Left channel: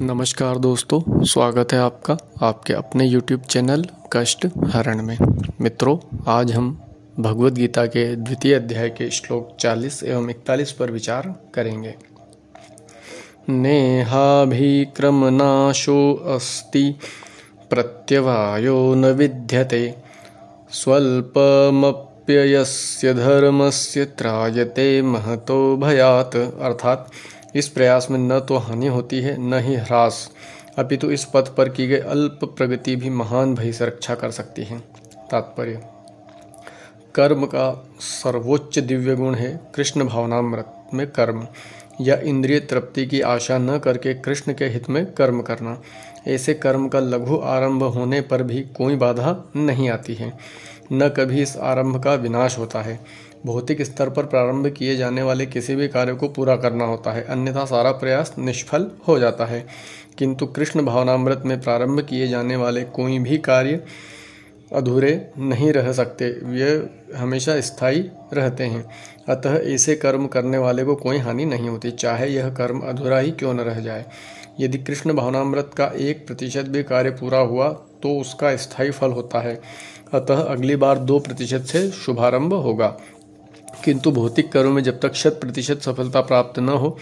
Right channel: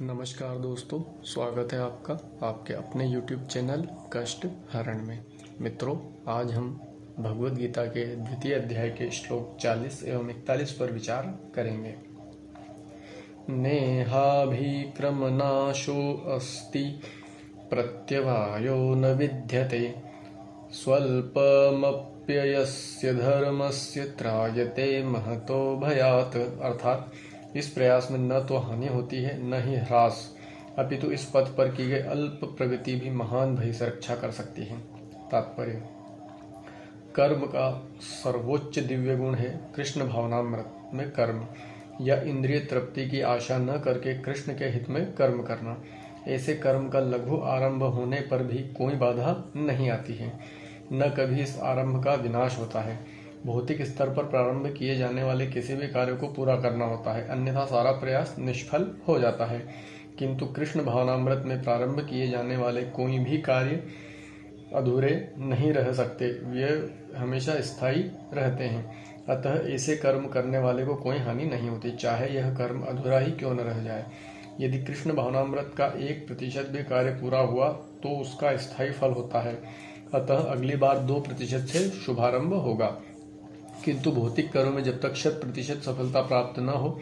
नमस्कार दोस्तों, स्वागत है आपका आपके अपने YouTube चैनल कष्ट हरण में। मित्रों, आज हम भगवद गीता के द्वितीय अध्याय के श्लोक 40 एवं 41 पर विचार करेंगे। नेहाभिक्रमनाशो अस्ति प्रत्यवायो न विद्यते स्वल्पमप्ययस्य धर्मस्य त्रायते महतो भयात्। अर्थात इस प्रयास में न तो हानि होती है न ही ह्रास, अपितु इस पथ पर की गई अल्प प्रगति भी महान भय से रक्षा कर सकती है। तात्पर्य: कर्म का सर्वोच्च दिव्य गुण है कृष्ण भावनामृत में कर्म या इंद्रिय तृप्ति की आशा न करके कृष्ण के हित में कर्म करना। ऐसे कर्म का लघु आरंभ होने पर भी कोई बाधा नहीं आती है, न कभी इस आरंभ का विनाश होता है। भौतिक स्तर पर प्रारंभ किए जाने वाले किसी भी कार्य को पूरा करना होता है, अन्यथा सारा प्रयास निष्फल हो जाता है। किंतु कृष्ण भावनामृत में प्रारंभ किए जाने वाले कोई भी कार्य अधूरे नहीं रह सकते, वे हमेशा स्थायी रहते हैं। अतः ऐसे कर्म करने वाले को कोई हानि नहीं होती, चाहे यह कर्म अधूरा ही क्यों न रह जाए। यदि कृष्ण भावनामृत का 1% भी कार्य पूरा हुआ तो उसका स्थायी फल होता है, अतः अगली बार 2% से शुभारंभ होगा। किंतु भौतिक कर्म में जब तक 100% सफलता प्राप्त न हो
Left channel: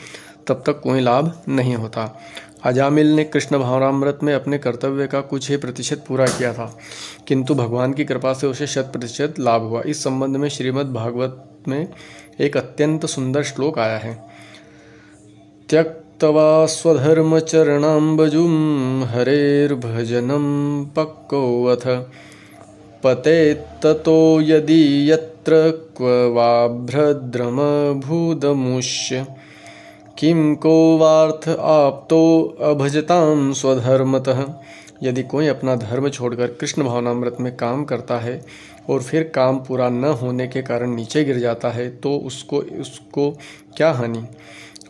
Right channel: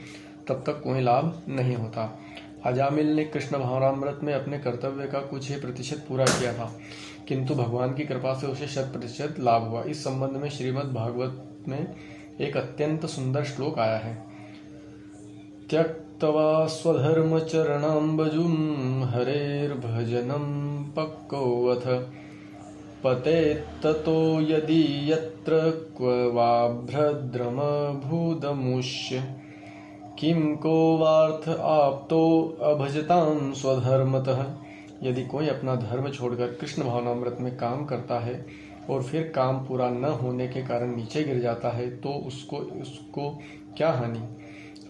तब तक कोई लाभ नहीं होता। अजामिल ने कृष्ण भावनामृत में अपने कर्तव्य का कुछ ही प्रतिशत पूरा किया था, किंतु भगवान की कृपा से उसे 100% लाभ हुआ। इस संबंध में श्रीमद् भागवत में एक अत्यंत सुंदर श्लोक आया है। त्यक्त्वा स्वधर्मचरणाम्बुजं हरेर्भजनं पक्वोऽथ पतेत्ततो यदि यत्र क्व वा भ्रद्रमभूदमुष्य किं को वार्थ आप्तो अभजतां स्वधर्मतः। यदि कोई अपना धर्म छोड़कर कृष्ण भावनामृत में काम करता है और फिर काम पूरा न होने के कारण नीचे गिर जाता है तो उसको क्या हानि,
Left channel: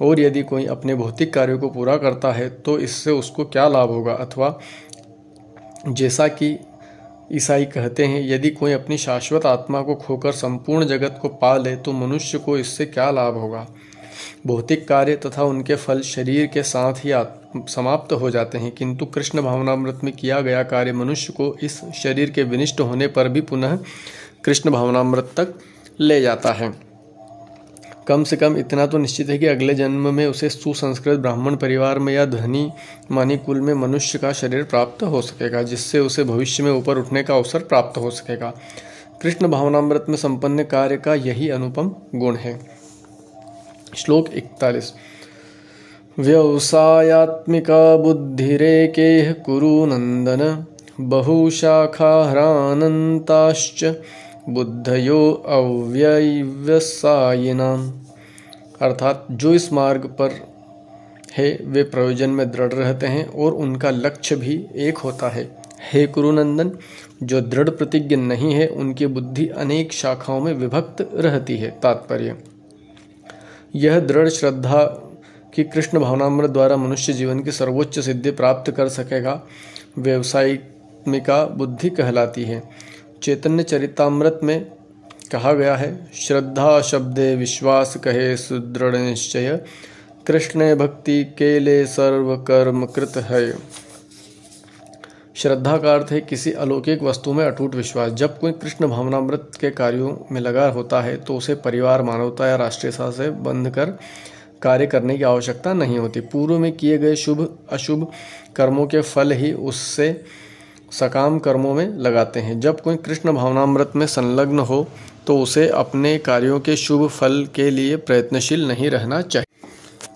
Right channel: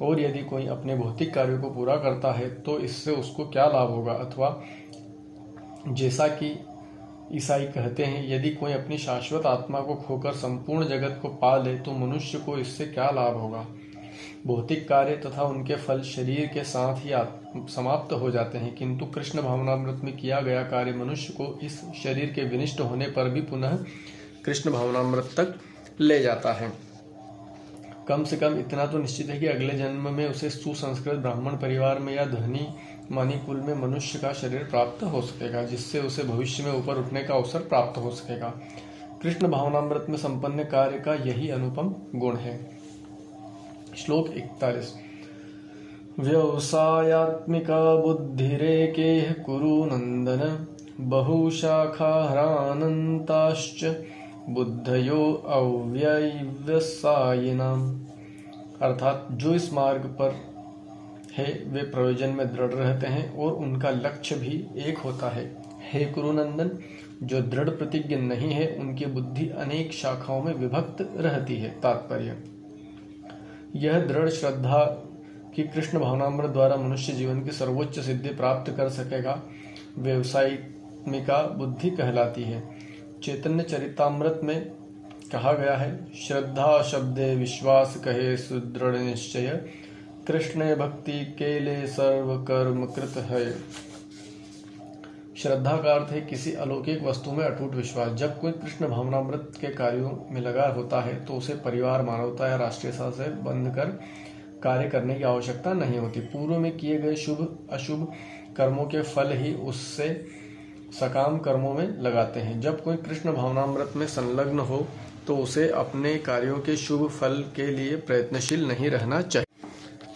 और यदि कोई अपने भौतिक कार्यों को पूरा करता है तो इससे उसको क्या लाभ होगा। अथवा जैसा कि ईसाई कहते हैं, यदि कोई अपनी शाश्वत आत्मा को खोकर संपूर्ण जगत को पा ले तो मनुष्य को इससे क्या लाभ होगा। भौतिक कार्य तथा उनके फल शरीर के साथ ही समाप्त हो जाते हैं, किंतु कृष्ण भावनामृत में किया गया कार्य मनुष्य को इस शरीर के विनिष्ट होने पर भी पुनः कृष्ण भावनामृत तक ले जाता है। कम से कम इतना तो निश्चित है कि अगले जन्म में उसे सुसंस्कृत ब्राह्मण परिवार में या धनी मानी कुल में मनुष्य का शरीर प्राप्त हो सकेगा, जिससे उसे भविष्य में ऊपर उठने का अवसर प्राप्त हो सकेगा। कृष्ण भावनामृत में संपन्न कार्य का यही अनुपम गुण है। श्लोक 41। व्यवसायात्मिका बुद्धिरेकेह कुरु नंदन बहुशाखाह्रानन्ताश्च बुद्धयो अव्यवसायिनाम्। अर्थात जो इस मार्ग पर है वे प्रयोजन में दृढ़ रहते हैं और उनका लक्ष्य भी एक होता है। हे कुरुनंदन, जो दृढ़ प्रतिज्ञ नहीं है उनकी बुद्धि अनेक शाखाओं में विभक्त रहती है। तात्पर्य: यह दृढ़ श्रद्धा कि कृष्ण भावनामृत द्वारा मनुष्य जीवन की सर्वोच्च सिद्धि प्राप्त कर सकेगा व्यवसायिका बुद्धि कहलाती है। चैतन्य चरितामृत में कहा गया है, श्रद्धा शब्दे विश्वास कहे सुदृढ़ निश्चय कृष्ण भक्ति केले सर्व कर्म कृत है। श्रद्धा का अर्थ है किसी अलौकिक वस्तु में अटूट विश्वास। जब कोई कृष्ण भावनामृत के कार्यों में लगा होता है तो उसे परिवार, मानवता या राष्ट्रीयता से बंध कर कार्य करने की आवश्यकता नहीं होती। पूर्व में किए गए शुभ अशुभ कर्मों के फल ही उससे सकाम कर्मों में लगाते हैं। जब कोई कृष्ण भावनामृत में संलग्न हो तो उसे अपने कार्यों के शुभ फल के लिए प्रयत्नशील नहीं रहना चाहिए।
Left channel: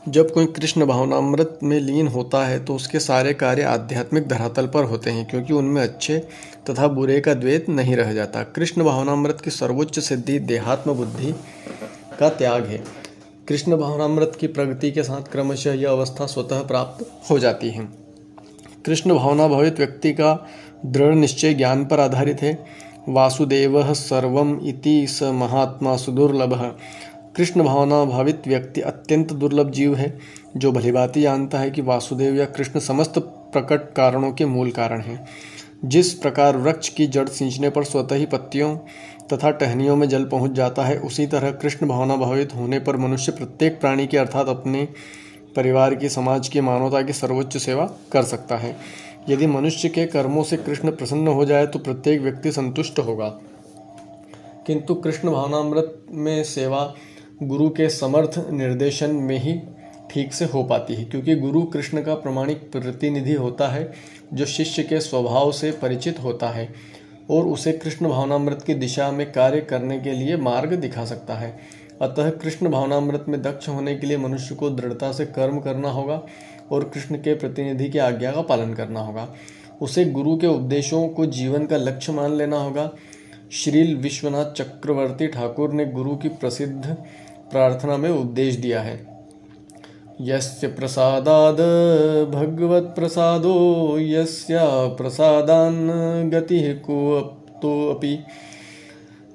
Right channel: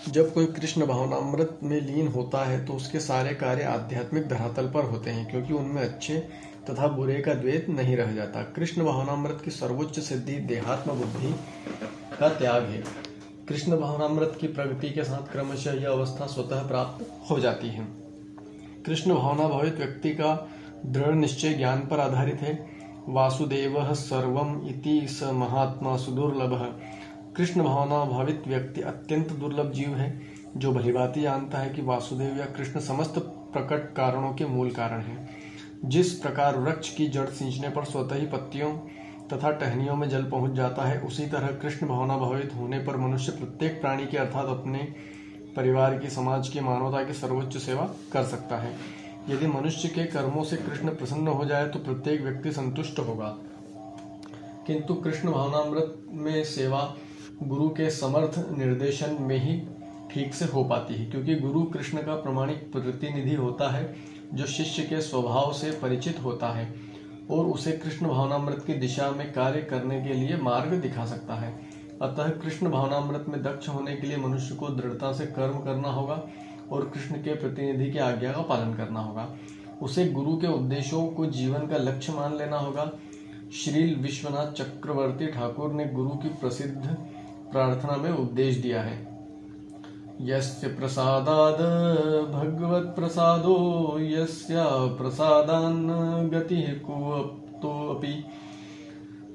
जब कोई कृष्ण भावनामृत में लीन होता है तो उसके सारे कार्य आध्यात्मिक धरातल पर होते हैं, क्योंकि उनमें अच्छे तथा बुरे का द्वैत नहीं रह जाता। कृष्ण भावनामृत की सर्वोच्च सिद्धि देहात्म बुद्धि का त्याग है। कृष्ण भावनामृत की प्रगति के साथ क्रमशः यह अवस्था स्वतः प्राप्त हो जाती है। कृष्ण भावना भावित व्यक्ति का दृढ़ निश्चय ज्ञान पर आधारित है। वासुदेवः सर्वम इति स महात्मा सुदुर्लभः। कृष्ण भावना भावित व्यक्ति अत्यंत दुर्लभ जीव है, जो भलीभांति जानता है कि वासुदेव या कृष्ण समस्त प्रकट कारणों के मूल कारण हैं। जिस प्रकार वृक्ष की जड़ सींचने पर स्वतः ही पत्तियों तथा टहनियों में जल पहुंच जाता है, उसी तरह कृष्ण भावना भावित होने पर मनुष्य प्रत्येक प्राणी के अर्थात अपने परिवार की, समाज की, मानवता की सर्वोच्च सेवा कर सकता है। यदि मनुष्य के कर्मों से कृष्ण प्रसन्न हो जाए तो प्रत्येक व्यक्ति संतुष्ट होगा, किंतु कृष्ण भावनामृत में सेवा गुरु के समर्थ निर्देशन में ही ठीक से हो पाती है, क्योंकि गुरु कृष्ण का प्रामाणिक प्रतिनिधि होता है जो शिष्य के स्वभाव से परिचित होता है और उसे कृष्ण भावनामृत की दिशा में कार्य करने के लिए मार्ग दिखा सकता है। अतः कृष्ण भावनामृत में दक्ष होने के लिए मनुष्य को दृढ़ता से कर्म करना होगा और कृष्ण के प्रतिनिधि की आज्ञा का पालन करना होगा। उसे गुरु के उपदेशों को जीवन का लक्ष्य मान लेना होगा। श्रील विश्वनाथ चक्रवर्ती ठाकुर ने गुरु की प्रसिद्ध प्रार्थना में उपदेश दिया है, यस्य प्रसादाद भगवत प्रसादो यस्य प्रसादान् गतिः कोऽपि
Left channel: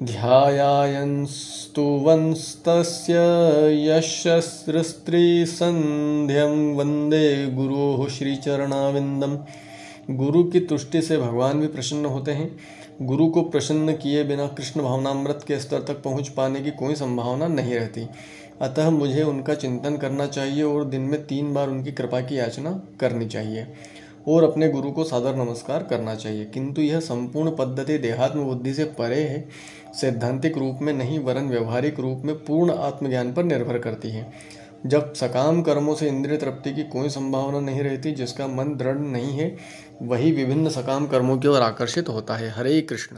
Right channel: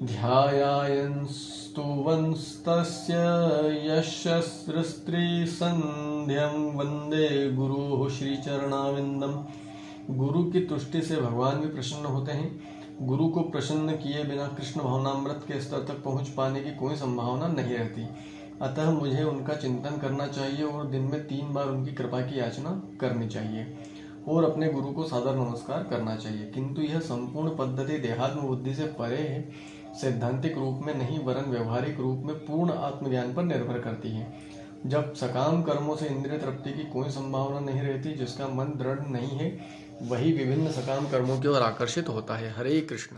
ध्यायायस्तु वंस्तस्य यशस्त्री संध्यं वंदे गुरोः श्रीचरणाविंदम। गुरु की तुष्टि से भगवान भी प्रसन्न होते हैं। गुरु को प्रसन्न किए बिना कृष्ण भावनामृत के स्तर तक पहुंच पाने की कोई संभावना नहीं रहती। अतः मुझे उनका चिंतन करना चाहिए और दिन में 3 बार उनकी कृपा की याचना करनी चाहिए और अपने गुरु को सादर नमस्कार करना चाहिए। किंतु यह संपूर्ण पद्धति देहात्म बुद्धि से परे है, सैद्धांतिक रूप में नहीं वरन व्यवहारिक रूप में पूर्ण आत्मज्ञान पर निर्भर करती है। जब सकाम कर्मों से इंद्रिय तृप्ति की कोई संभावना नहीं रहती, जिसका मन दृढ़ नहीं है, वही विभिन्न सकाम कर्मों की ओर आकर्षित होता है। हरे कृष्ण।